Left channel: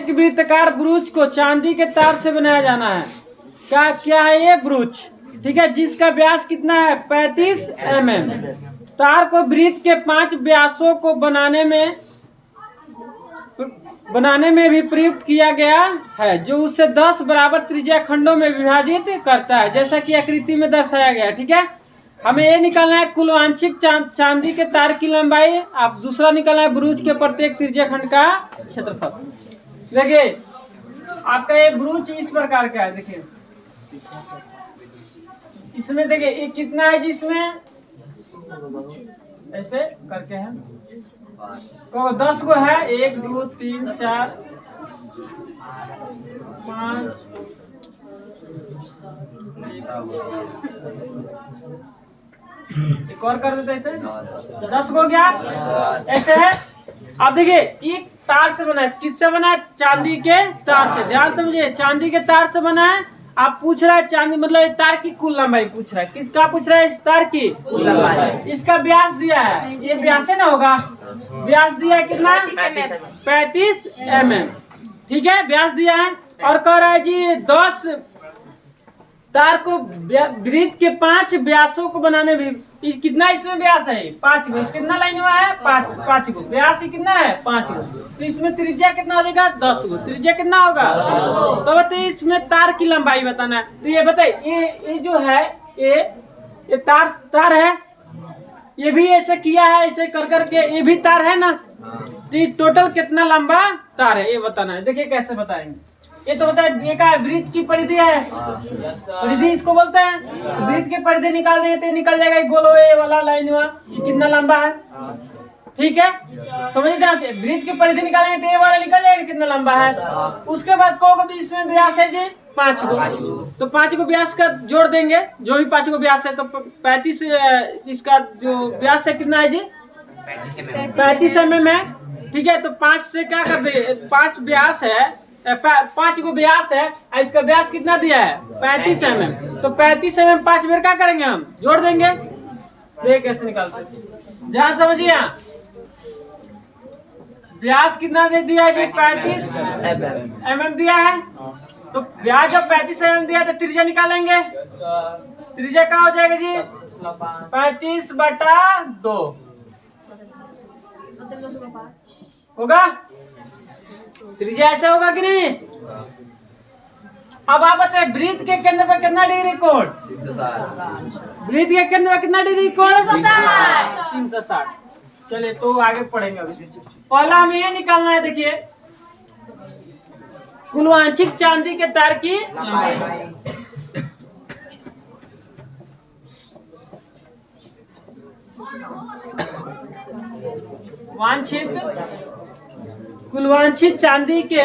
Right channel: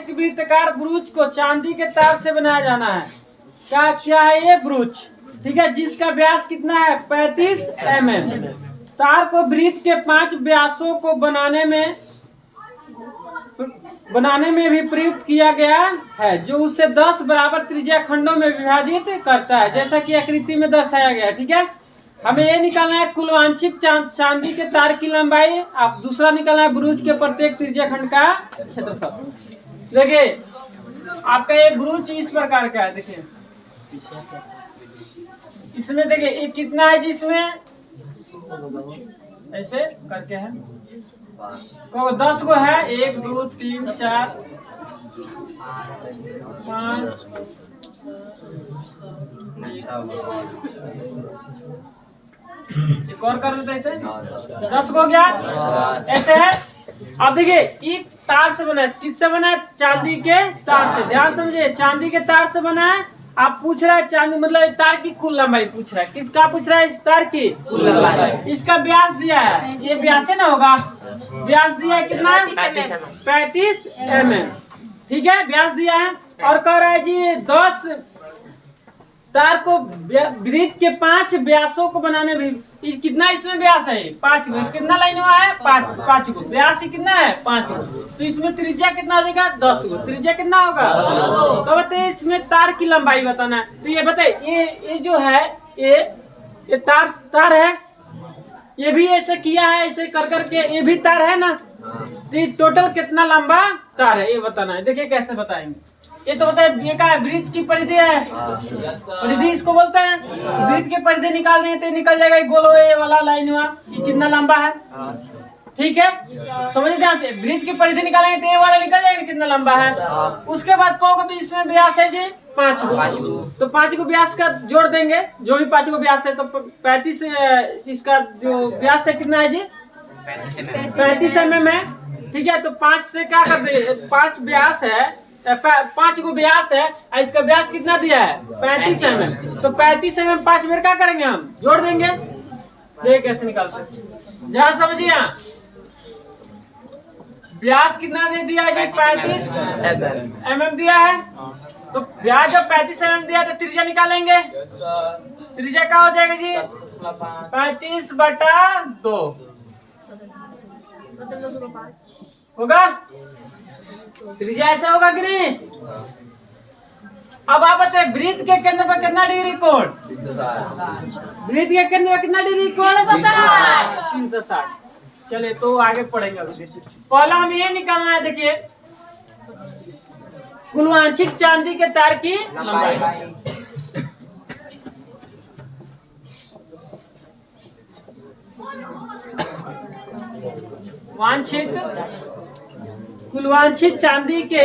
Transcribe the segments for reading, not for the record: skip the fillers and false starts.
एक वृत्ताकार ब्रूच को चांदी के तार से बनाया जाना है। क्या है ये ब्रूच, ठीक है, जिसका व्यास कितना है 35 mm। तार को वृत्त के 5 व्यासों को बनाने में भी प्रयुक्त किया गया है, जो उसे 10 बराबर त्रिज्या खंडों में विभाजित करता है, जैसा कि आकृति में दर्शाया गया। ठीक है, हमें ये निकालना है कुल वांछित चांदी के तार की लंबाई, आप दूसरा निकालना है ब्रूच के प्रत्येक त्रिज्या खंड का क्षेत्रफल। देखिए आपका ये ब्रूच इस प्रकार का है, देखिए इसमें देखिए ये कितना है जिसमें ऐसे करके है, 10 गो है, 1 2 3 4 5 एक और कर देते ऐसे 10 गो गया, ऐसे है। अब देखिए एक तार से बना है, किससे बना है, चांदी के तार से। ध्यान समझिए, चांदी के तार से बना है। आप पूछ रहे हैं चांदी मतलब तार की कुल लंबाई पूछ रहा है, किसका पूछ रहा है, इस तार की कुल लंबाई। इसका व्यास दिया है, ये व्यास है ना होगा, व्यास दिया है कितना 35 mm, ठीक है, व्यास दिया है। और कह रहा है जी 10 तार को वृत्त के 5 व्यासों को बनाने में कितना इसमें व्यास है 5 गो, कितना लाइन हुआ है 5 गो, व्यास ही कितना है 5 गो, तो इसमें त्रिज्या कितना हो जाएगा 10 गो, त्रिज्या कितना होगा। तो बताइए इसमें तार की लंबाई बताना है, तो ये बताइए ये जो है ये तार है, ये भी ऐसे किया है, ऐसे कर करके ये भी तार है ना, तो ये टोटल कितना लंबा तार है ये बताना है। देखिए कैसे बताएंगे, ये तो होता है, ये क्या है, वृत्त की परिधि है, परिधि इसको बोलते हैं। वृत्त की परिधि निकाल देंगे तो निकल जाएगा गोल ये वाला लाइन हुआ, ये कितना लंबा है, ठीक है, समझिए ध्यान से। वृत्त की परिधि निकालेंगे तो ये वाला निकल जाएगा कितना लंबा है। उसके बाद को भी इसमें व्यास है जी 5 गो, तो 5 को व्यास का जोड़ देंगे, जो भी 5 को व्यास है, तो 35 इसका जो व्यास है कितना है जी 35 mm है, ठीक है। तो 5 से क्या कर देंगे, 5 व्यास है, 5 को व्यास है, इसका व्यास कितना दिया है 35 mm, तो 35 mm 5 बार क्या करेंगे हम जोड़ देंगे। देख कैसे निकालते, जहाँ समझिए व्यास कितना दे दिया है 35 mm दिया है, तो व्यास जब 35 mm दिया तो त्रिज्या निकालेंगे, त्रिज्या क्या हो जाएगा जी 35/2 होगा, त्रिज्या ऐसे होगा कि नहीं। अब आप बताए वृत्त के केंद्र पर कितना डिग्री कोण, वृत्त के केंद्र पर कितना डिग्री कोण 360। चलिए तो आगे पढ़ेंगे। पहला हमें ये निकालना है, देखिए कुल वांछित चांदी के तार की लंबाई। कुल वांछित चांदी के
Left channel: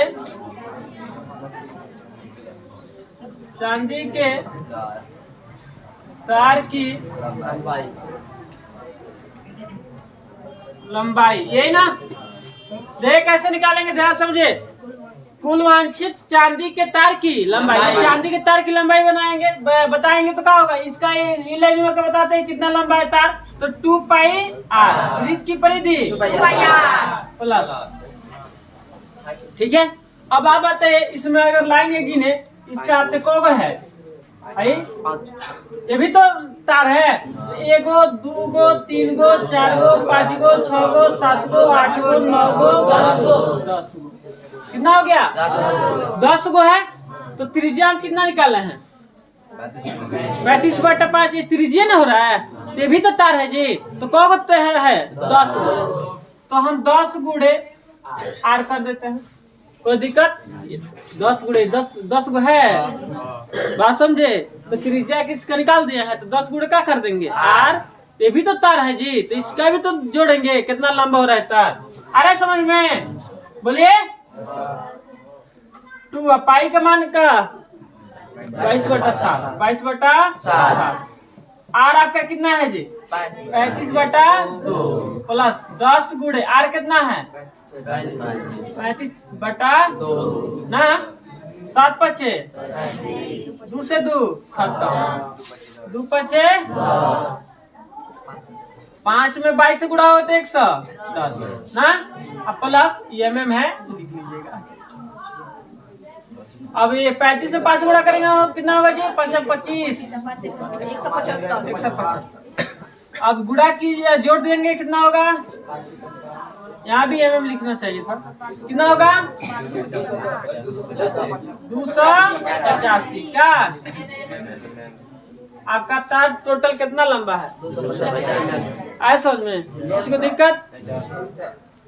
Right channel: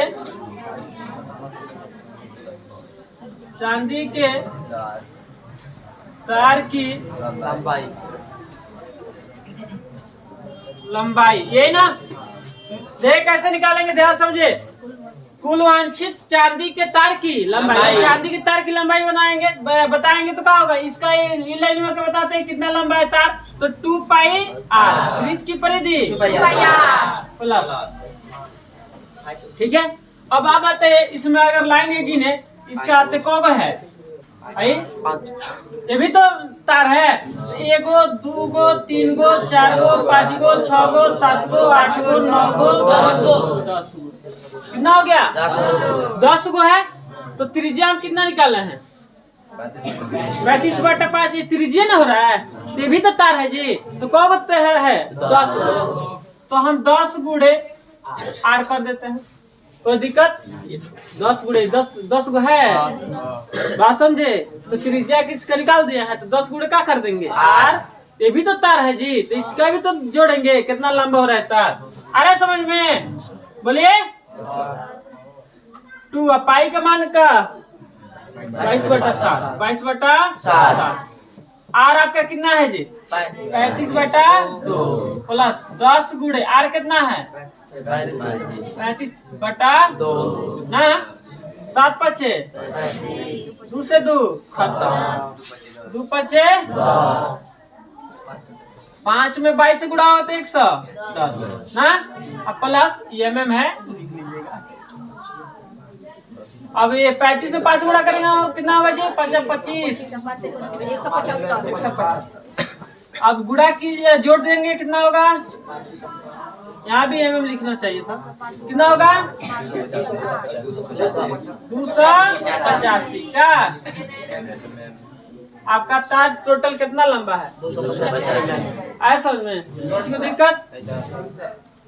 तार की लंबाई, ये ना देख कैसे निकालेंगे, ध्यान समझे। कुल वांछित चांदी के तार की लंबाई, चांदी के तार की लंबाई बनाएंगे बताएंगे तो क्या होगा, इसका ये लाइन में बताते हैं कितना लंबा है तार, तो 2πr वृत्त की परिधि प्लस, ठीक है। अब आप आते हैं इसमें अगर लाइन ये गिने, इसका हाथ पे कौन है, ये भी तो तार है, 1 गो 2 गो 3 गो 4 गो 5 गो 6 गो 7 गो 8 गो 9 गो 10 गो, कितना हो गया 10 गो है। तो त्रिज्या हम कितना निकालना है 35/5, ये त्रिज्या ना हो रहा है, ये भी तो तार है जी, तो कौ गो तार है 10 गो, तो हम 10 गुणे आर कर देते हैं, कोई दिक्कत, 10 गुणे 10 गो है, बात समझे। तो त्रिज्या किसका निकाल दिया है, तो 10 गुणे क्या कर देंगे आर, ये भी तो तार है जी, तो इसका भी तो जोड़ेंगे कितना लंबा हो रहा है तार, आ रहा है समझ में, बोलिए 2 पाई का मान का 22/7, 22/7, आर आपका कितना है जी 35/2 प्लस 10 गुणे आर कितना है 35/2 ना, 7 5 2 से 2 खत्म, 2 5 5 में 22 से गुणा होते 110 ना, अब प्लस mm है लिख लीजिएगा। अब ये 35 में 5 गुणा करेंगे कितना होगा जी? 25 175। अब गुणा कीजिए, जोड़ देंगे कितना होगा? यहाँ भी mm लिखना चाहिए था। कितना होगा? 285 का। आपका तार टोटल कितना लंबा है? आया समझ में? किसी को दिक्कत?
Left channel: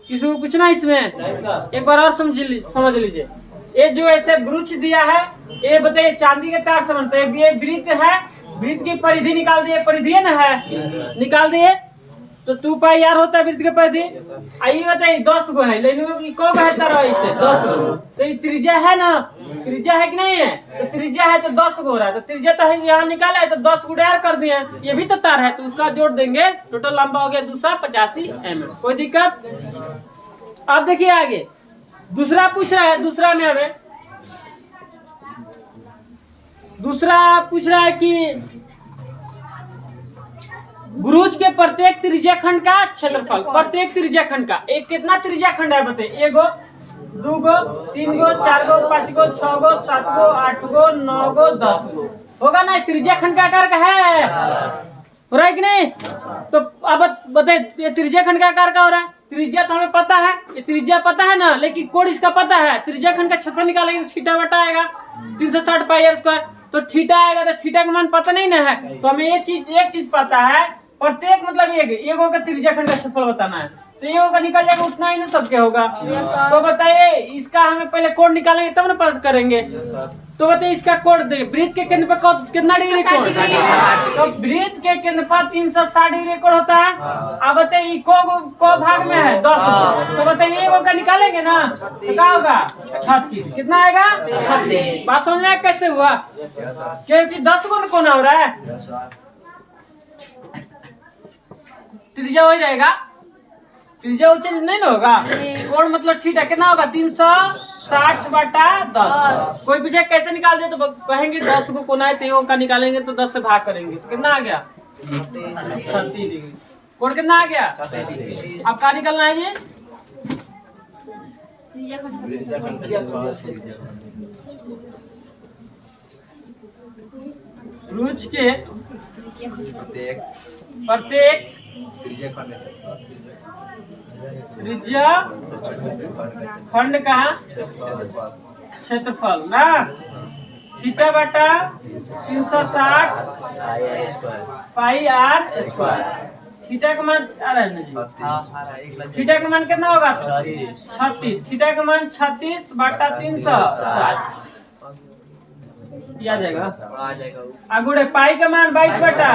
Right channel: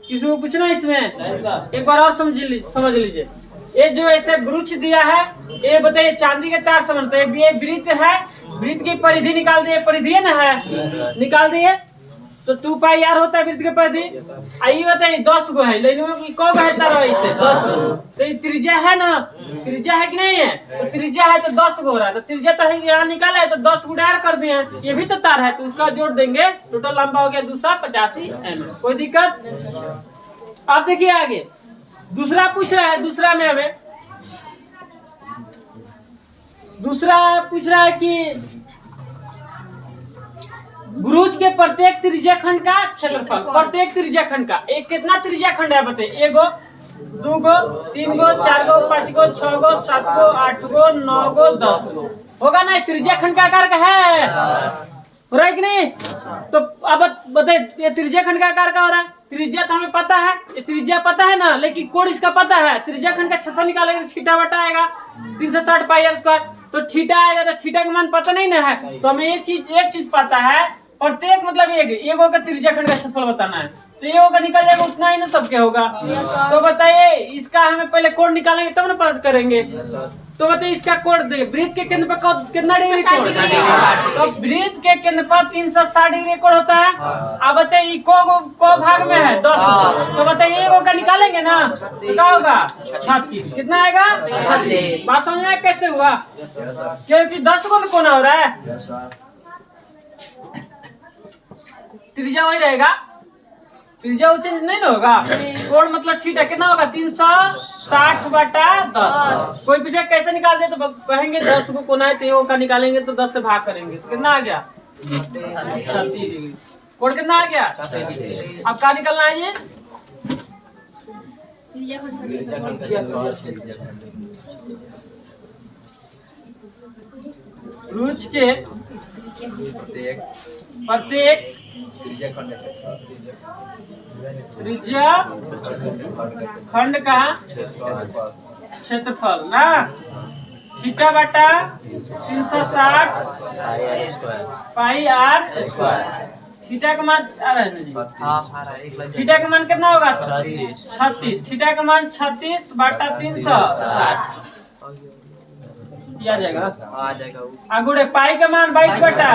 किसी को पूछना इसमें? एक बार और समझ लीजिए। ये जो ऐसे ब्रुच दिया है, ये बताइए चांदी के तार से बनता है। ये वृत्त है, वृत्त की परिधि निकाल दिए, परिधि है ना है, निकाल दिए तो 2 पाई r होता है वृत्त की परिधि। आइए बताइए 10 गो है, लेकिन को है तार से 10 गो, तो ये त्रिज्या है ना, त्रिज्या है कि नहीं है? तो त्रिज्या है तो 10 गो हो रहा है, तो त्रिज्या तो है यहाँ निकाला है तो 10 गुणा r कर दिए। ये भी तो तार है तो उसका जोड़ देंगे, टोटल लंबा हो गया 285 mm। कोई दिक्कत? अब देखिए आगे दूसरा पूछ रहा है, दूसरा में हमें दूसरा पूछ रहा है कि ब्रुच के प्रत्येक त्रिज्या खंड का क्षेत्रफल, प्रत्येक त्रिज्या खंड का। एक कितना त्रिज्या खंड है बताइए? 1 गो, 2 गो, 3 गो, 4 गो, 5 गो, 6 गो, 7 गो, 8 गो, 9 गो, 10 गो होगा ना? त्रिज्या खंड का आकार का है, हो रहा है कि नहीं? तो अब बताइए ये त्रिज्या खंड का आकार का हो रहा है। त्रिज्या तो हमें पता है, ये त्रिज्या पता है ना, लेकिन कोण इसका पता है। त्रिज्या खंड का क्षेत्रफल निकालेंगे थीटा बटा आएगा 360 पाई r स्क्वायर, तो थीटा आएगा, तो थीटा का मान पता नहीं ना है, तो हमें एक चीज पता है, प्रत्येक मतलब एक का त्रिज्या खंड का क्षेत्रफल बताना है, तो ये होगा निकल जाएगा, उतना ही ना सबके होगा। तो बताइए इसका हमें पहले कोण निकालेंगे तब ना पता करेंगे। तो बताइए इसका कोण देखिए, वृत्त के केंद्र पर कितना डिग्री कोण? तो वृत्त के केंद्र पर 360 डिग्री कोण होता है। अब बताइए को भाग में है 10, तो बताइए एगो का निकालेंगे ना तो क्या होगा? 36। कितना आएगा? 36। बात समझ में कैसे हुआ? क्योंकि 10 को में कोण हो रहा है, त्रिज्या वही रहेगा, त्रिज्या उच्च नहीं ना होगा। कोण मतलब थीटा कितना होगा? 360 बटा 10। कोई पूछे कैसे निकाल दे तो कहेंगे 10 को कोना है तो एगो का निकालेंगे तो 10 से भाग करेंगे, कितना आ गया? 36 डिग्री। कोण कितना आ गया? अब क्या निकलना है ये? ब्रुच के प्रत्येक त्रिज्या खंड का क्षेत्रफल ना थीटा बटा 360 पाई r स्क्वायर। थीटा का मान थीटा का मान कितना होगा? 36। थीटा का मान 36 बटा 360 आ जाएगा। आगुड़े पाई का मान 22 बटा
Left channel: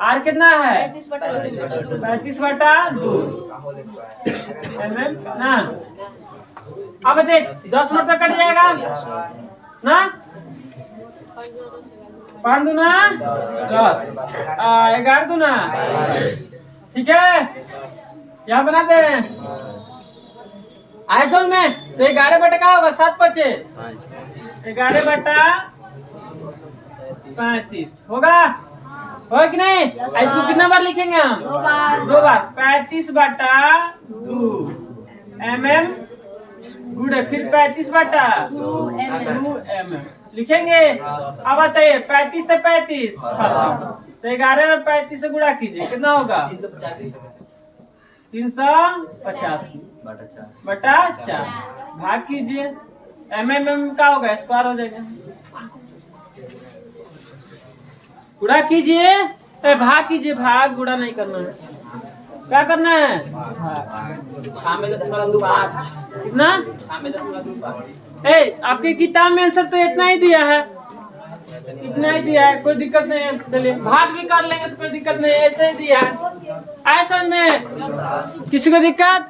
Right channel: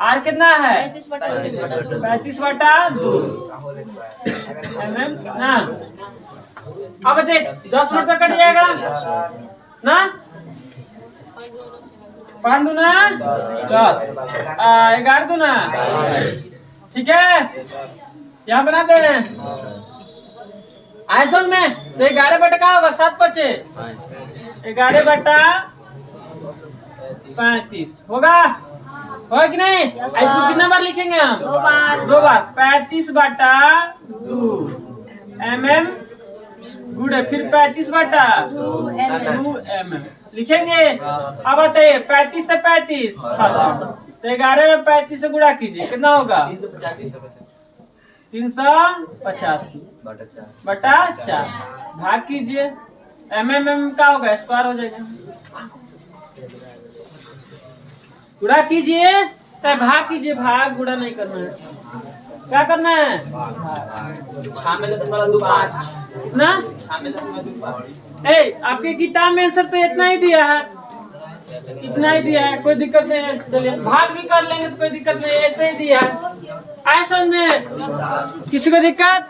आर कितना है? 35 बटा 2 mm ना। अब देख 10 मिनट तक कट जाएगा ना, 5 दूना 10, 11 दूना, ठीक है यहाँ बना दे आयसल में। तो 11 बटा क्या होगा? 7 बचे 11 बटा 35 होगा कि नहीं? इसको कितना बार लिखेंगे हम? 2 बार। 35 बटा 2 mm गुड़े फिर 35 बटा 2 mm लिखेंगे। अब बताइए 35 से 35 खत्म, तो 11 में 35 से गुणा कीजिए कितना होगा? 385 बटा 4 भाग कीजिए, mm का होगा स्क्वायर हो जाएगा। गुणा कीजिए, भाग कीजिए, भाग गुणा नहीं करना है। क्या करना है? 6.25 कितना? 6.25। आपके किताब में आंसर तो इतना ही दिया है, इतना ही दिया है, कोई दिक्कत नहीं है। चलिए भाग भी कर लेंगे तो कोई दिक्कत नहीं, ऐसे ही दिया है। ऐसा में किसी को दिक्कत?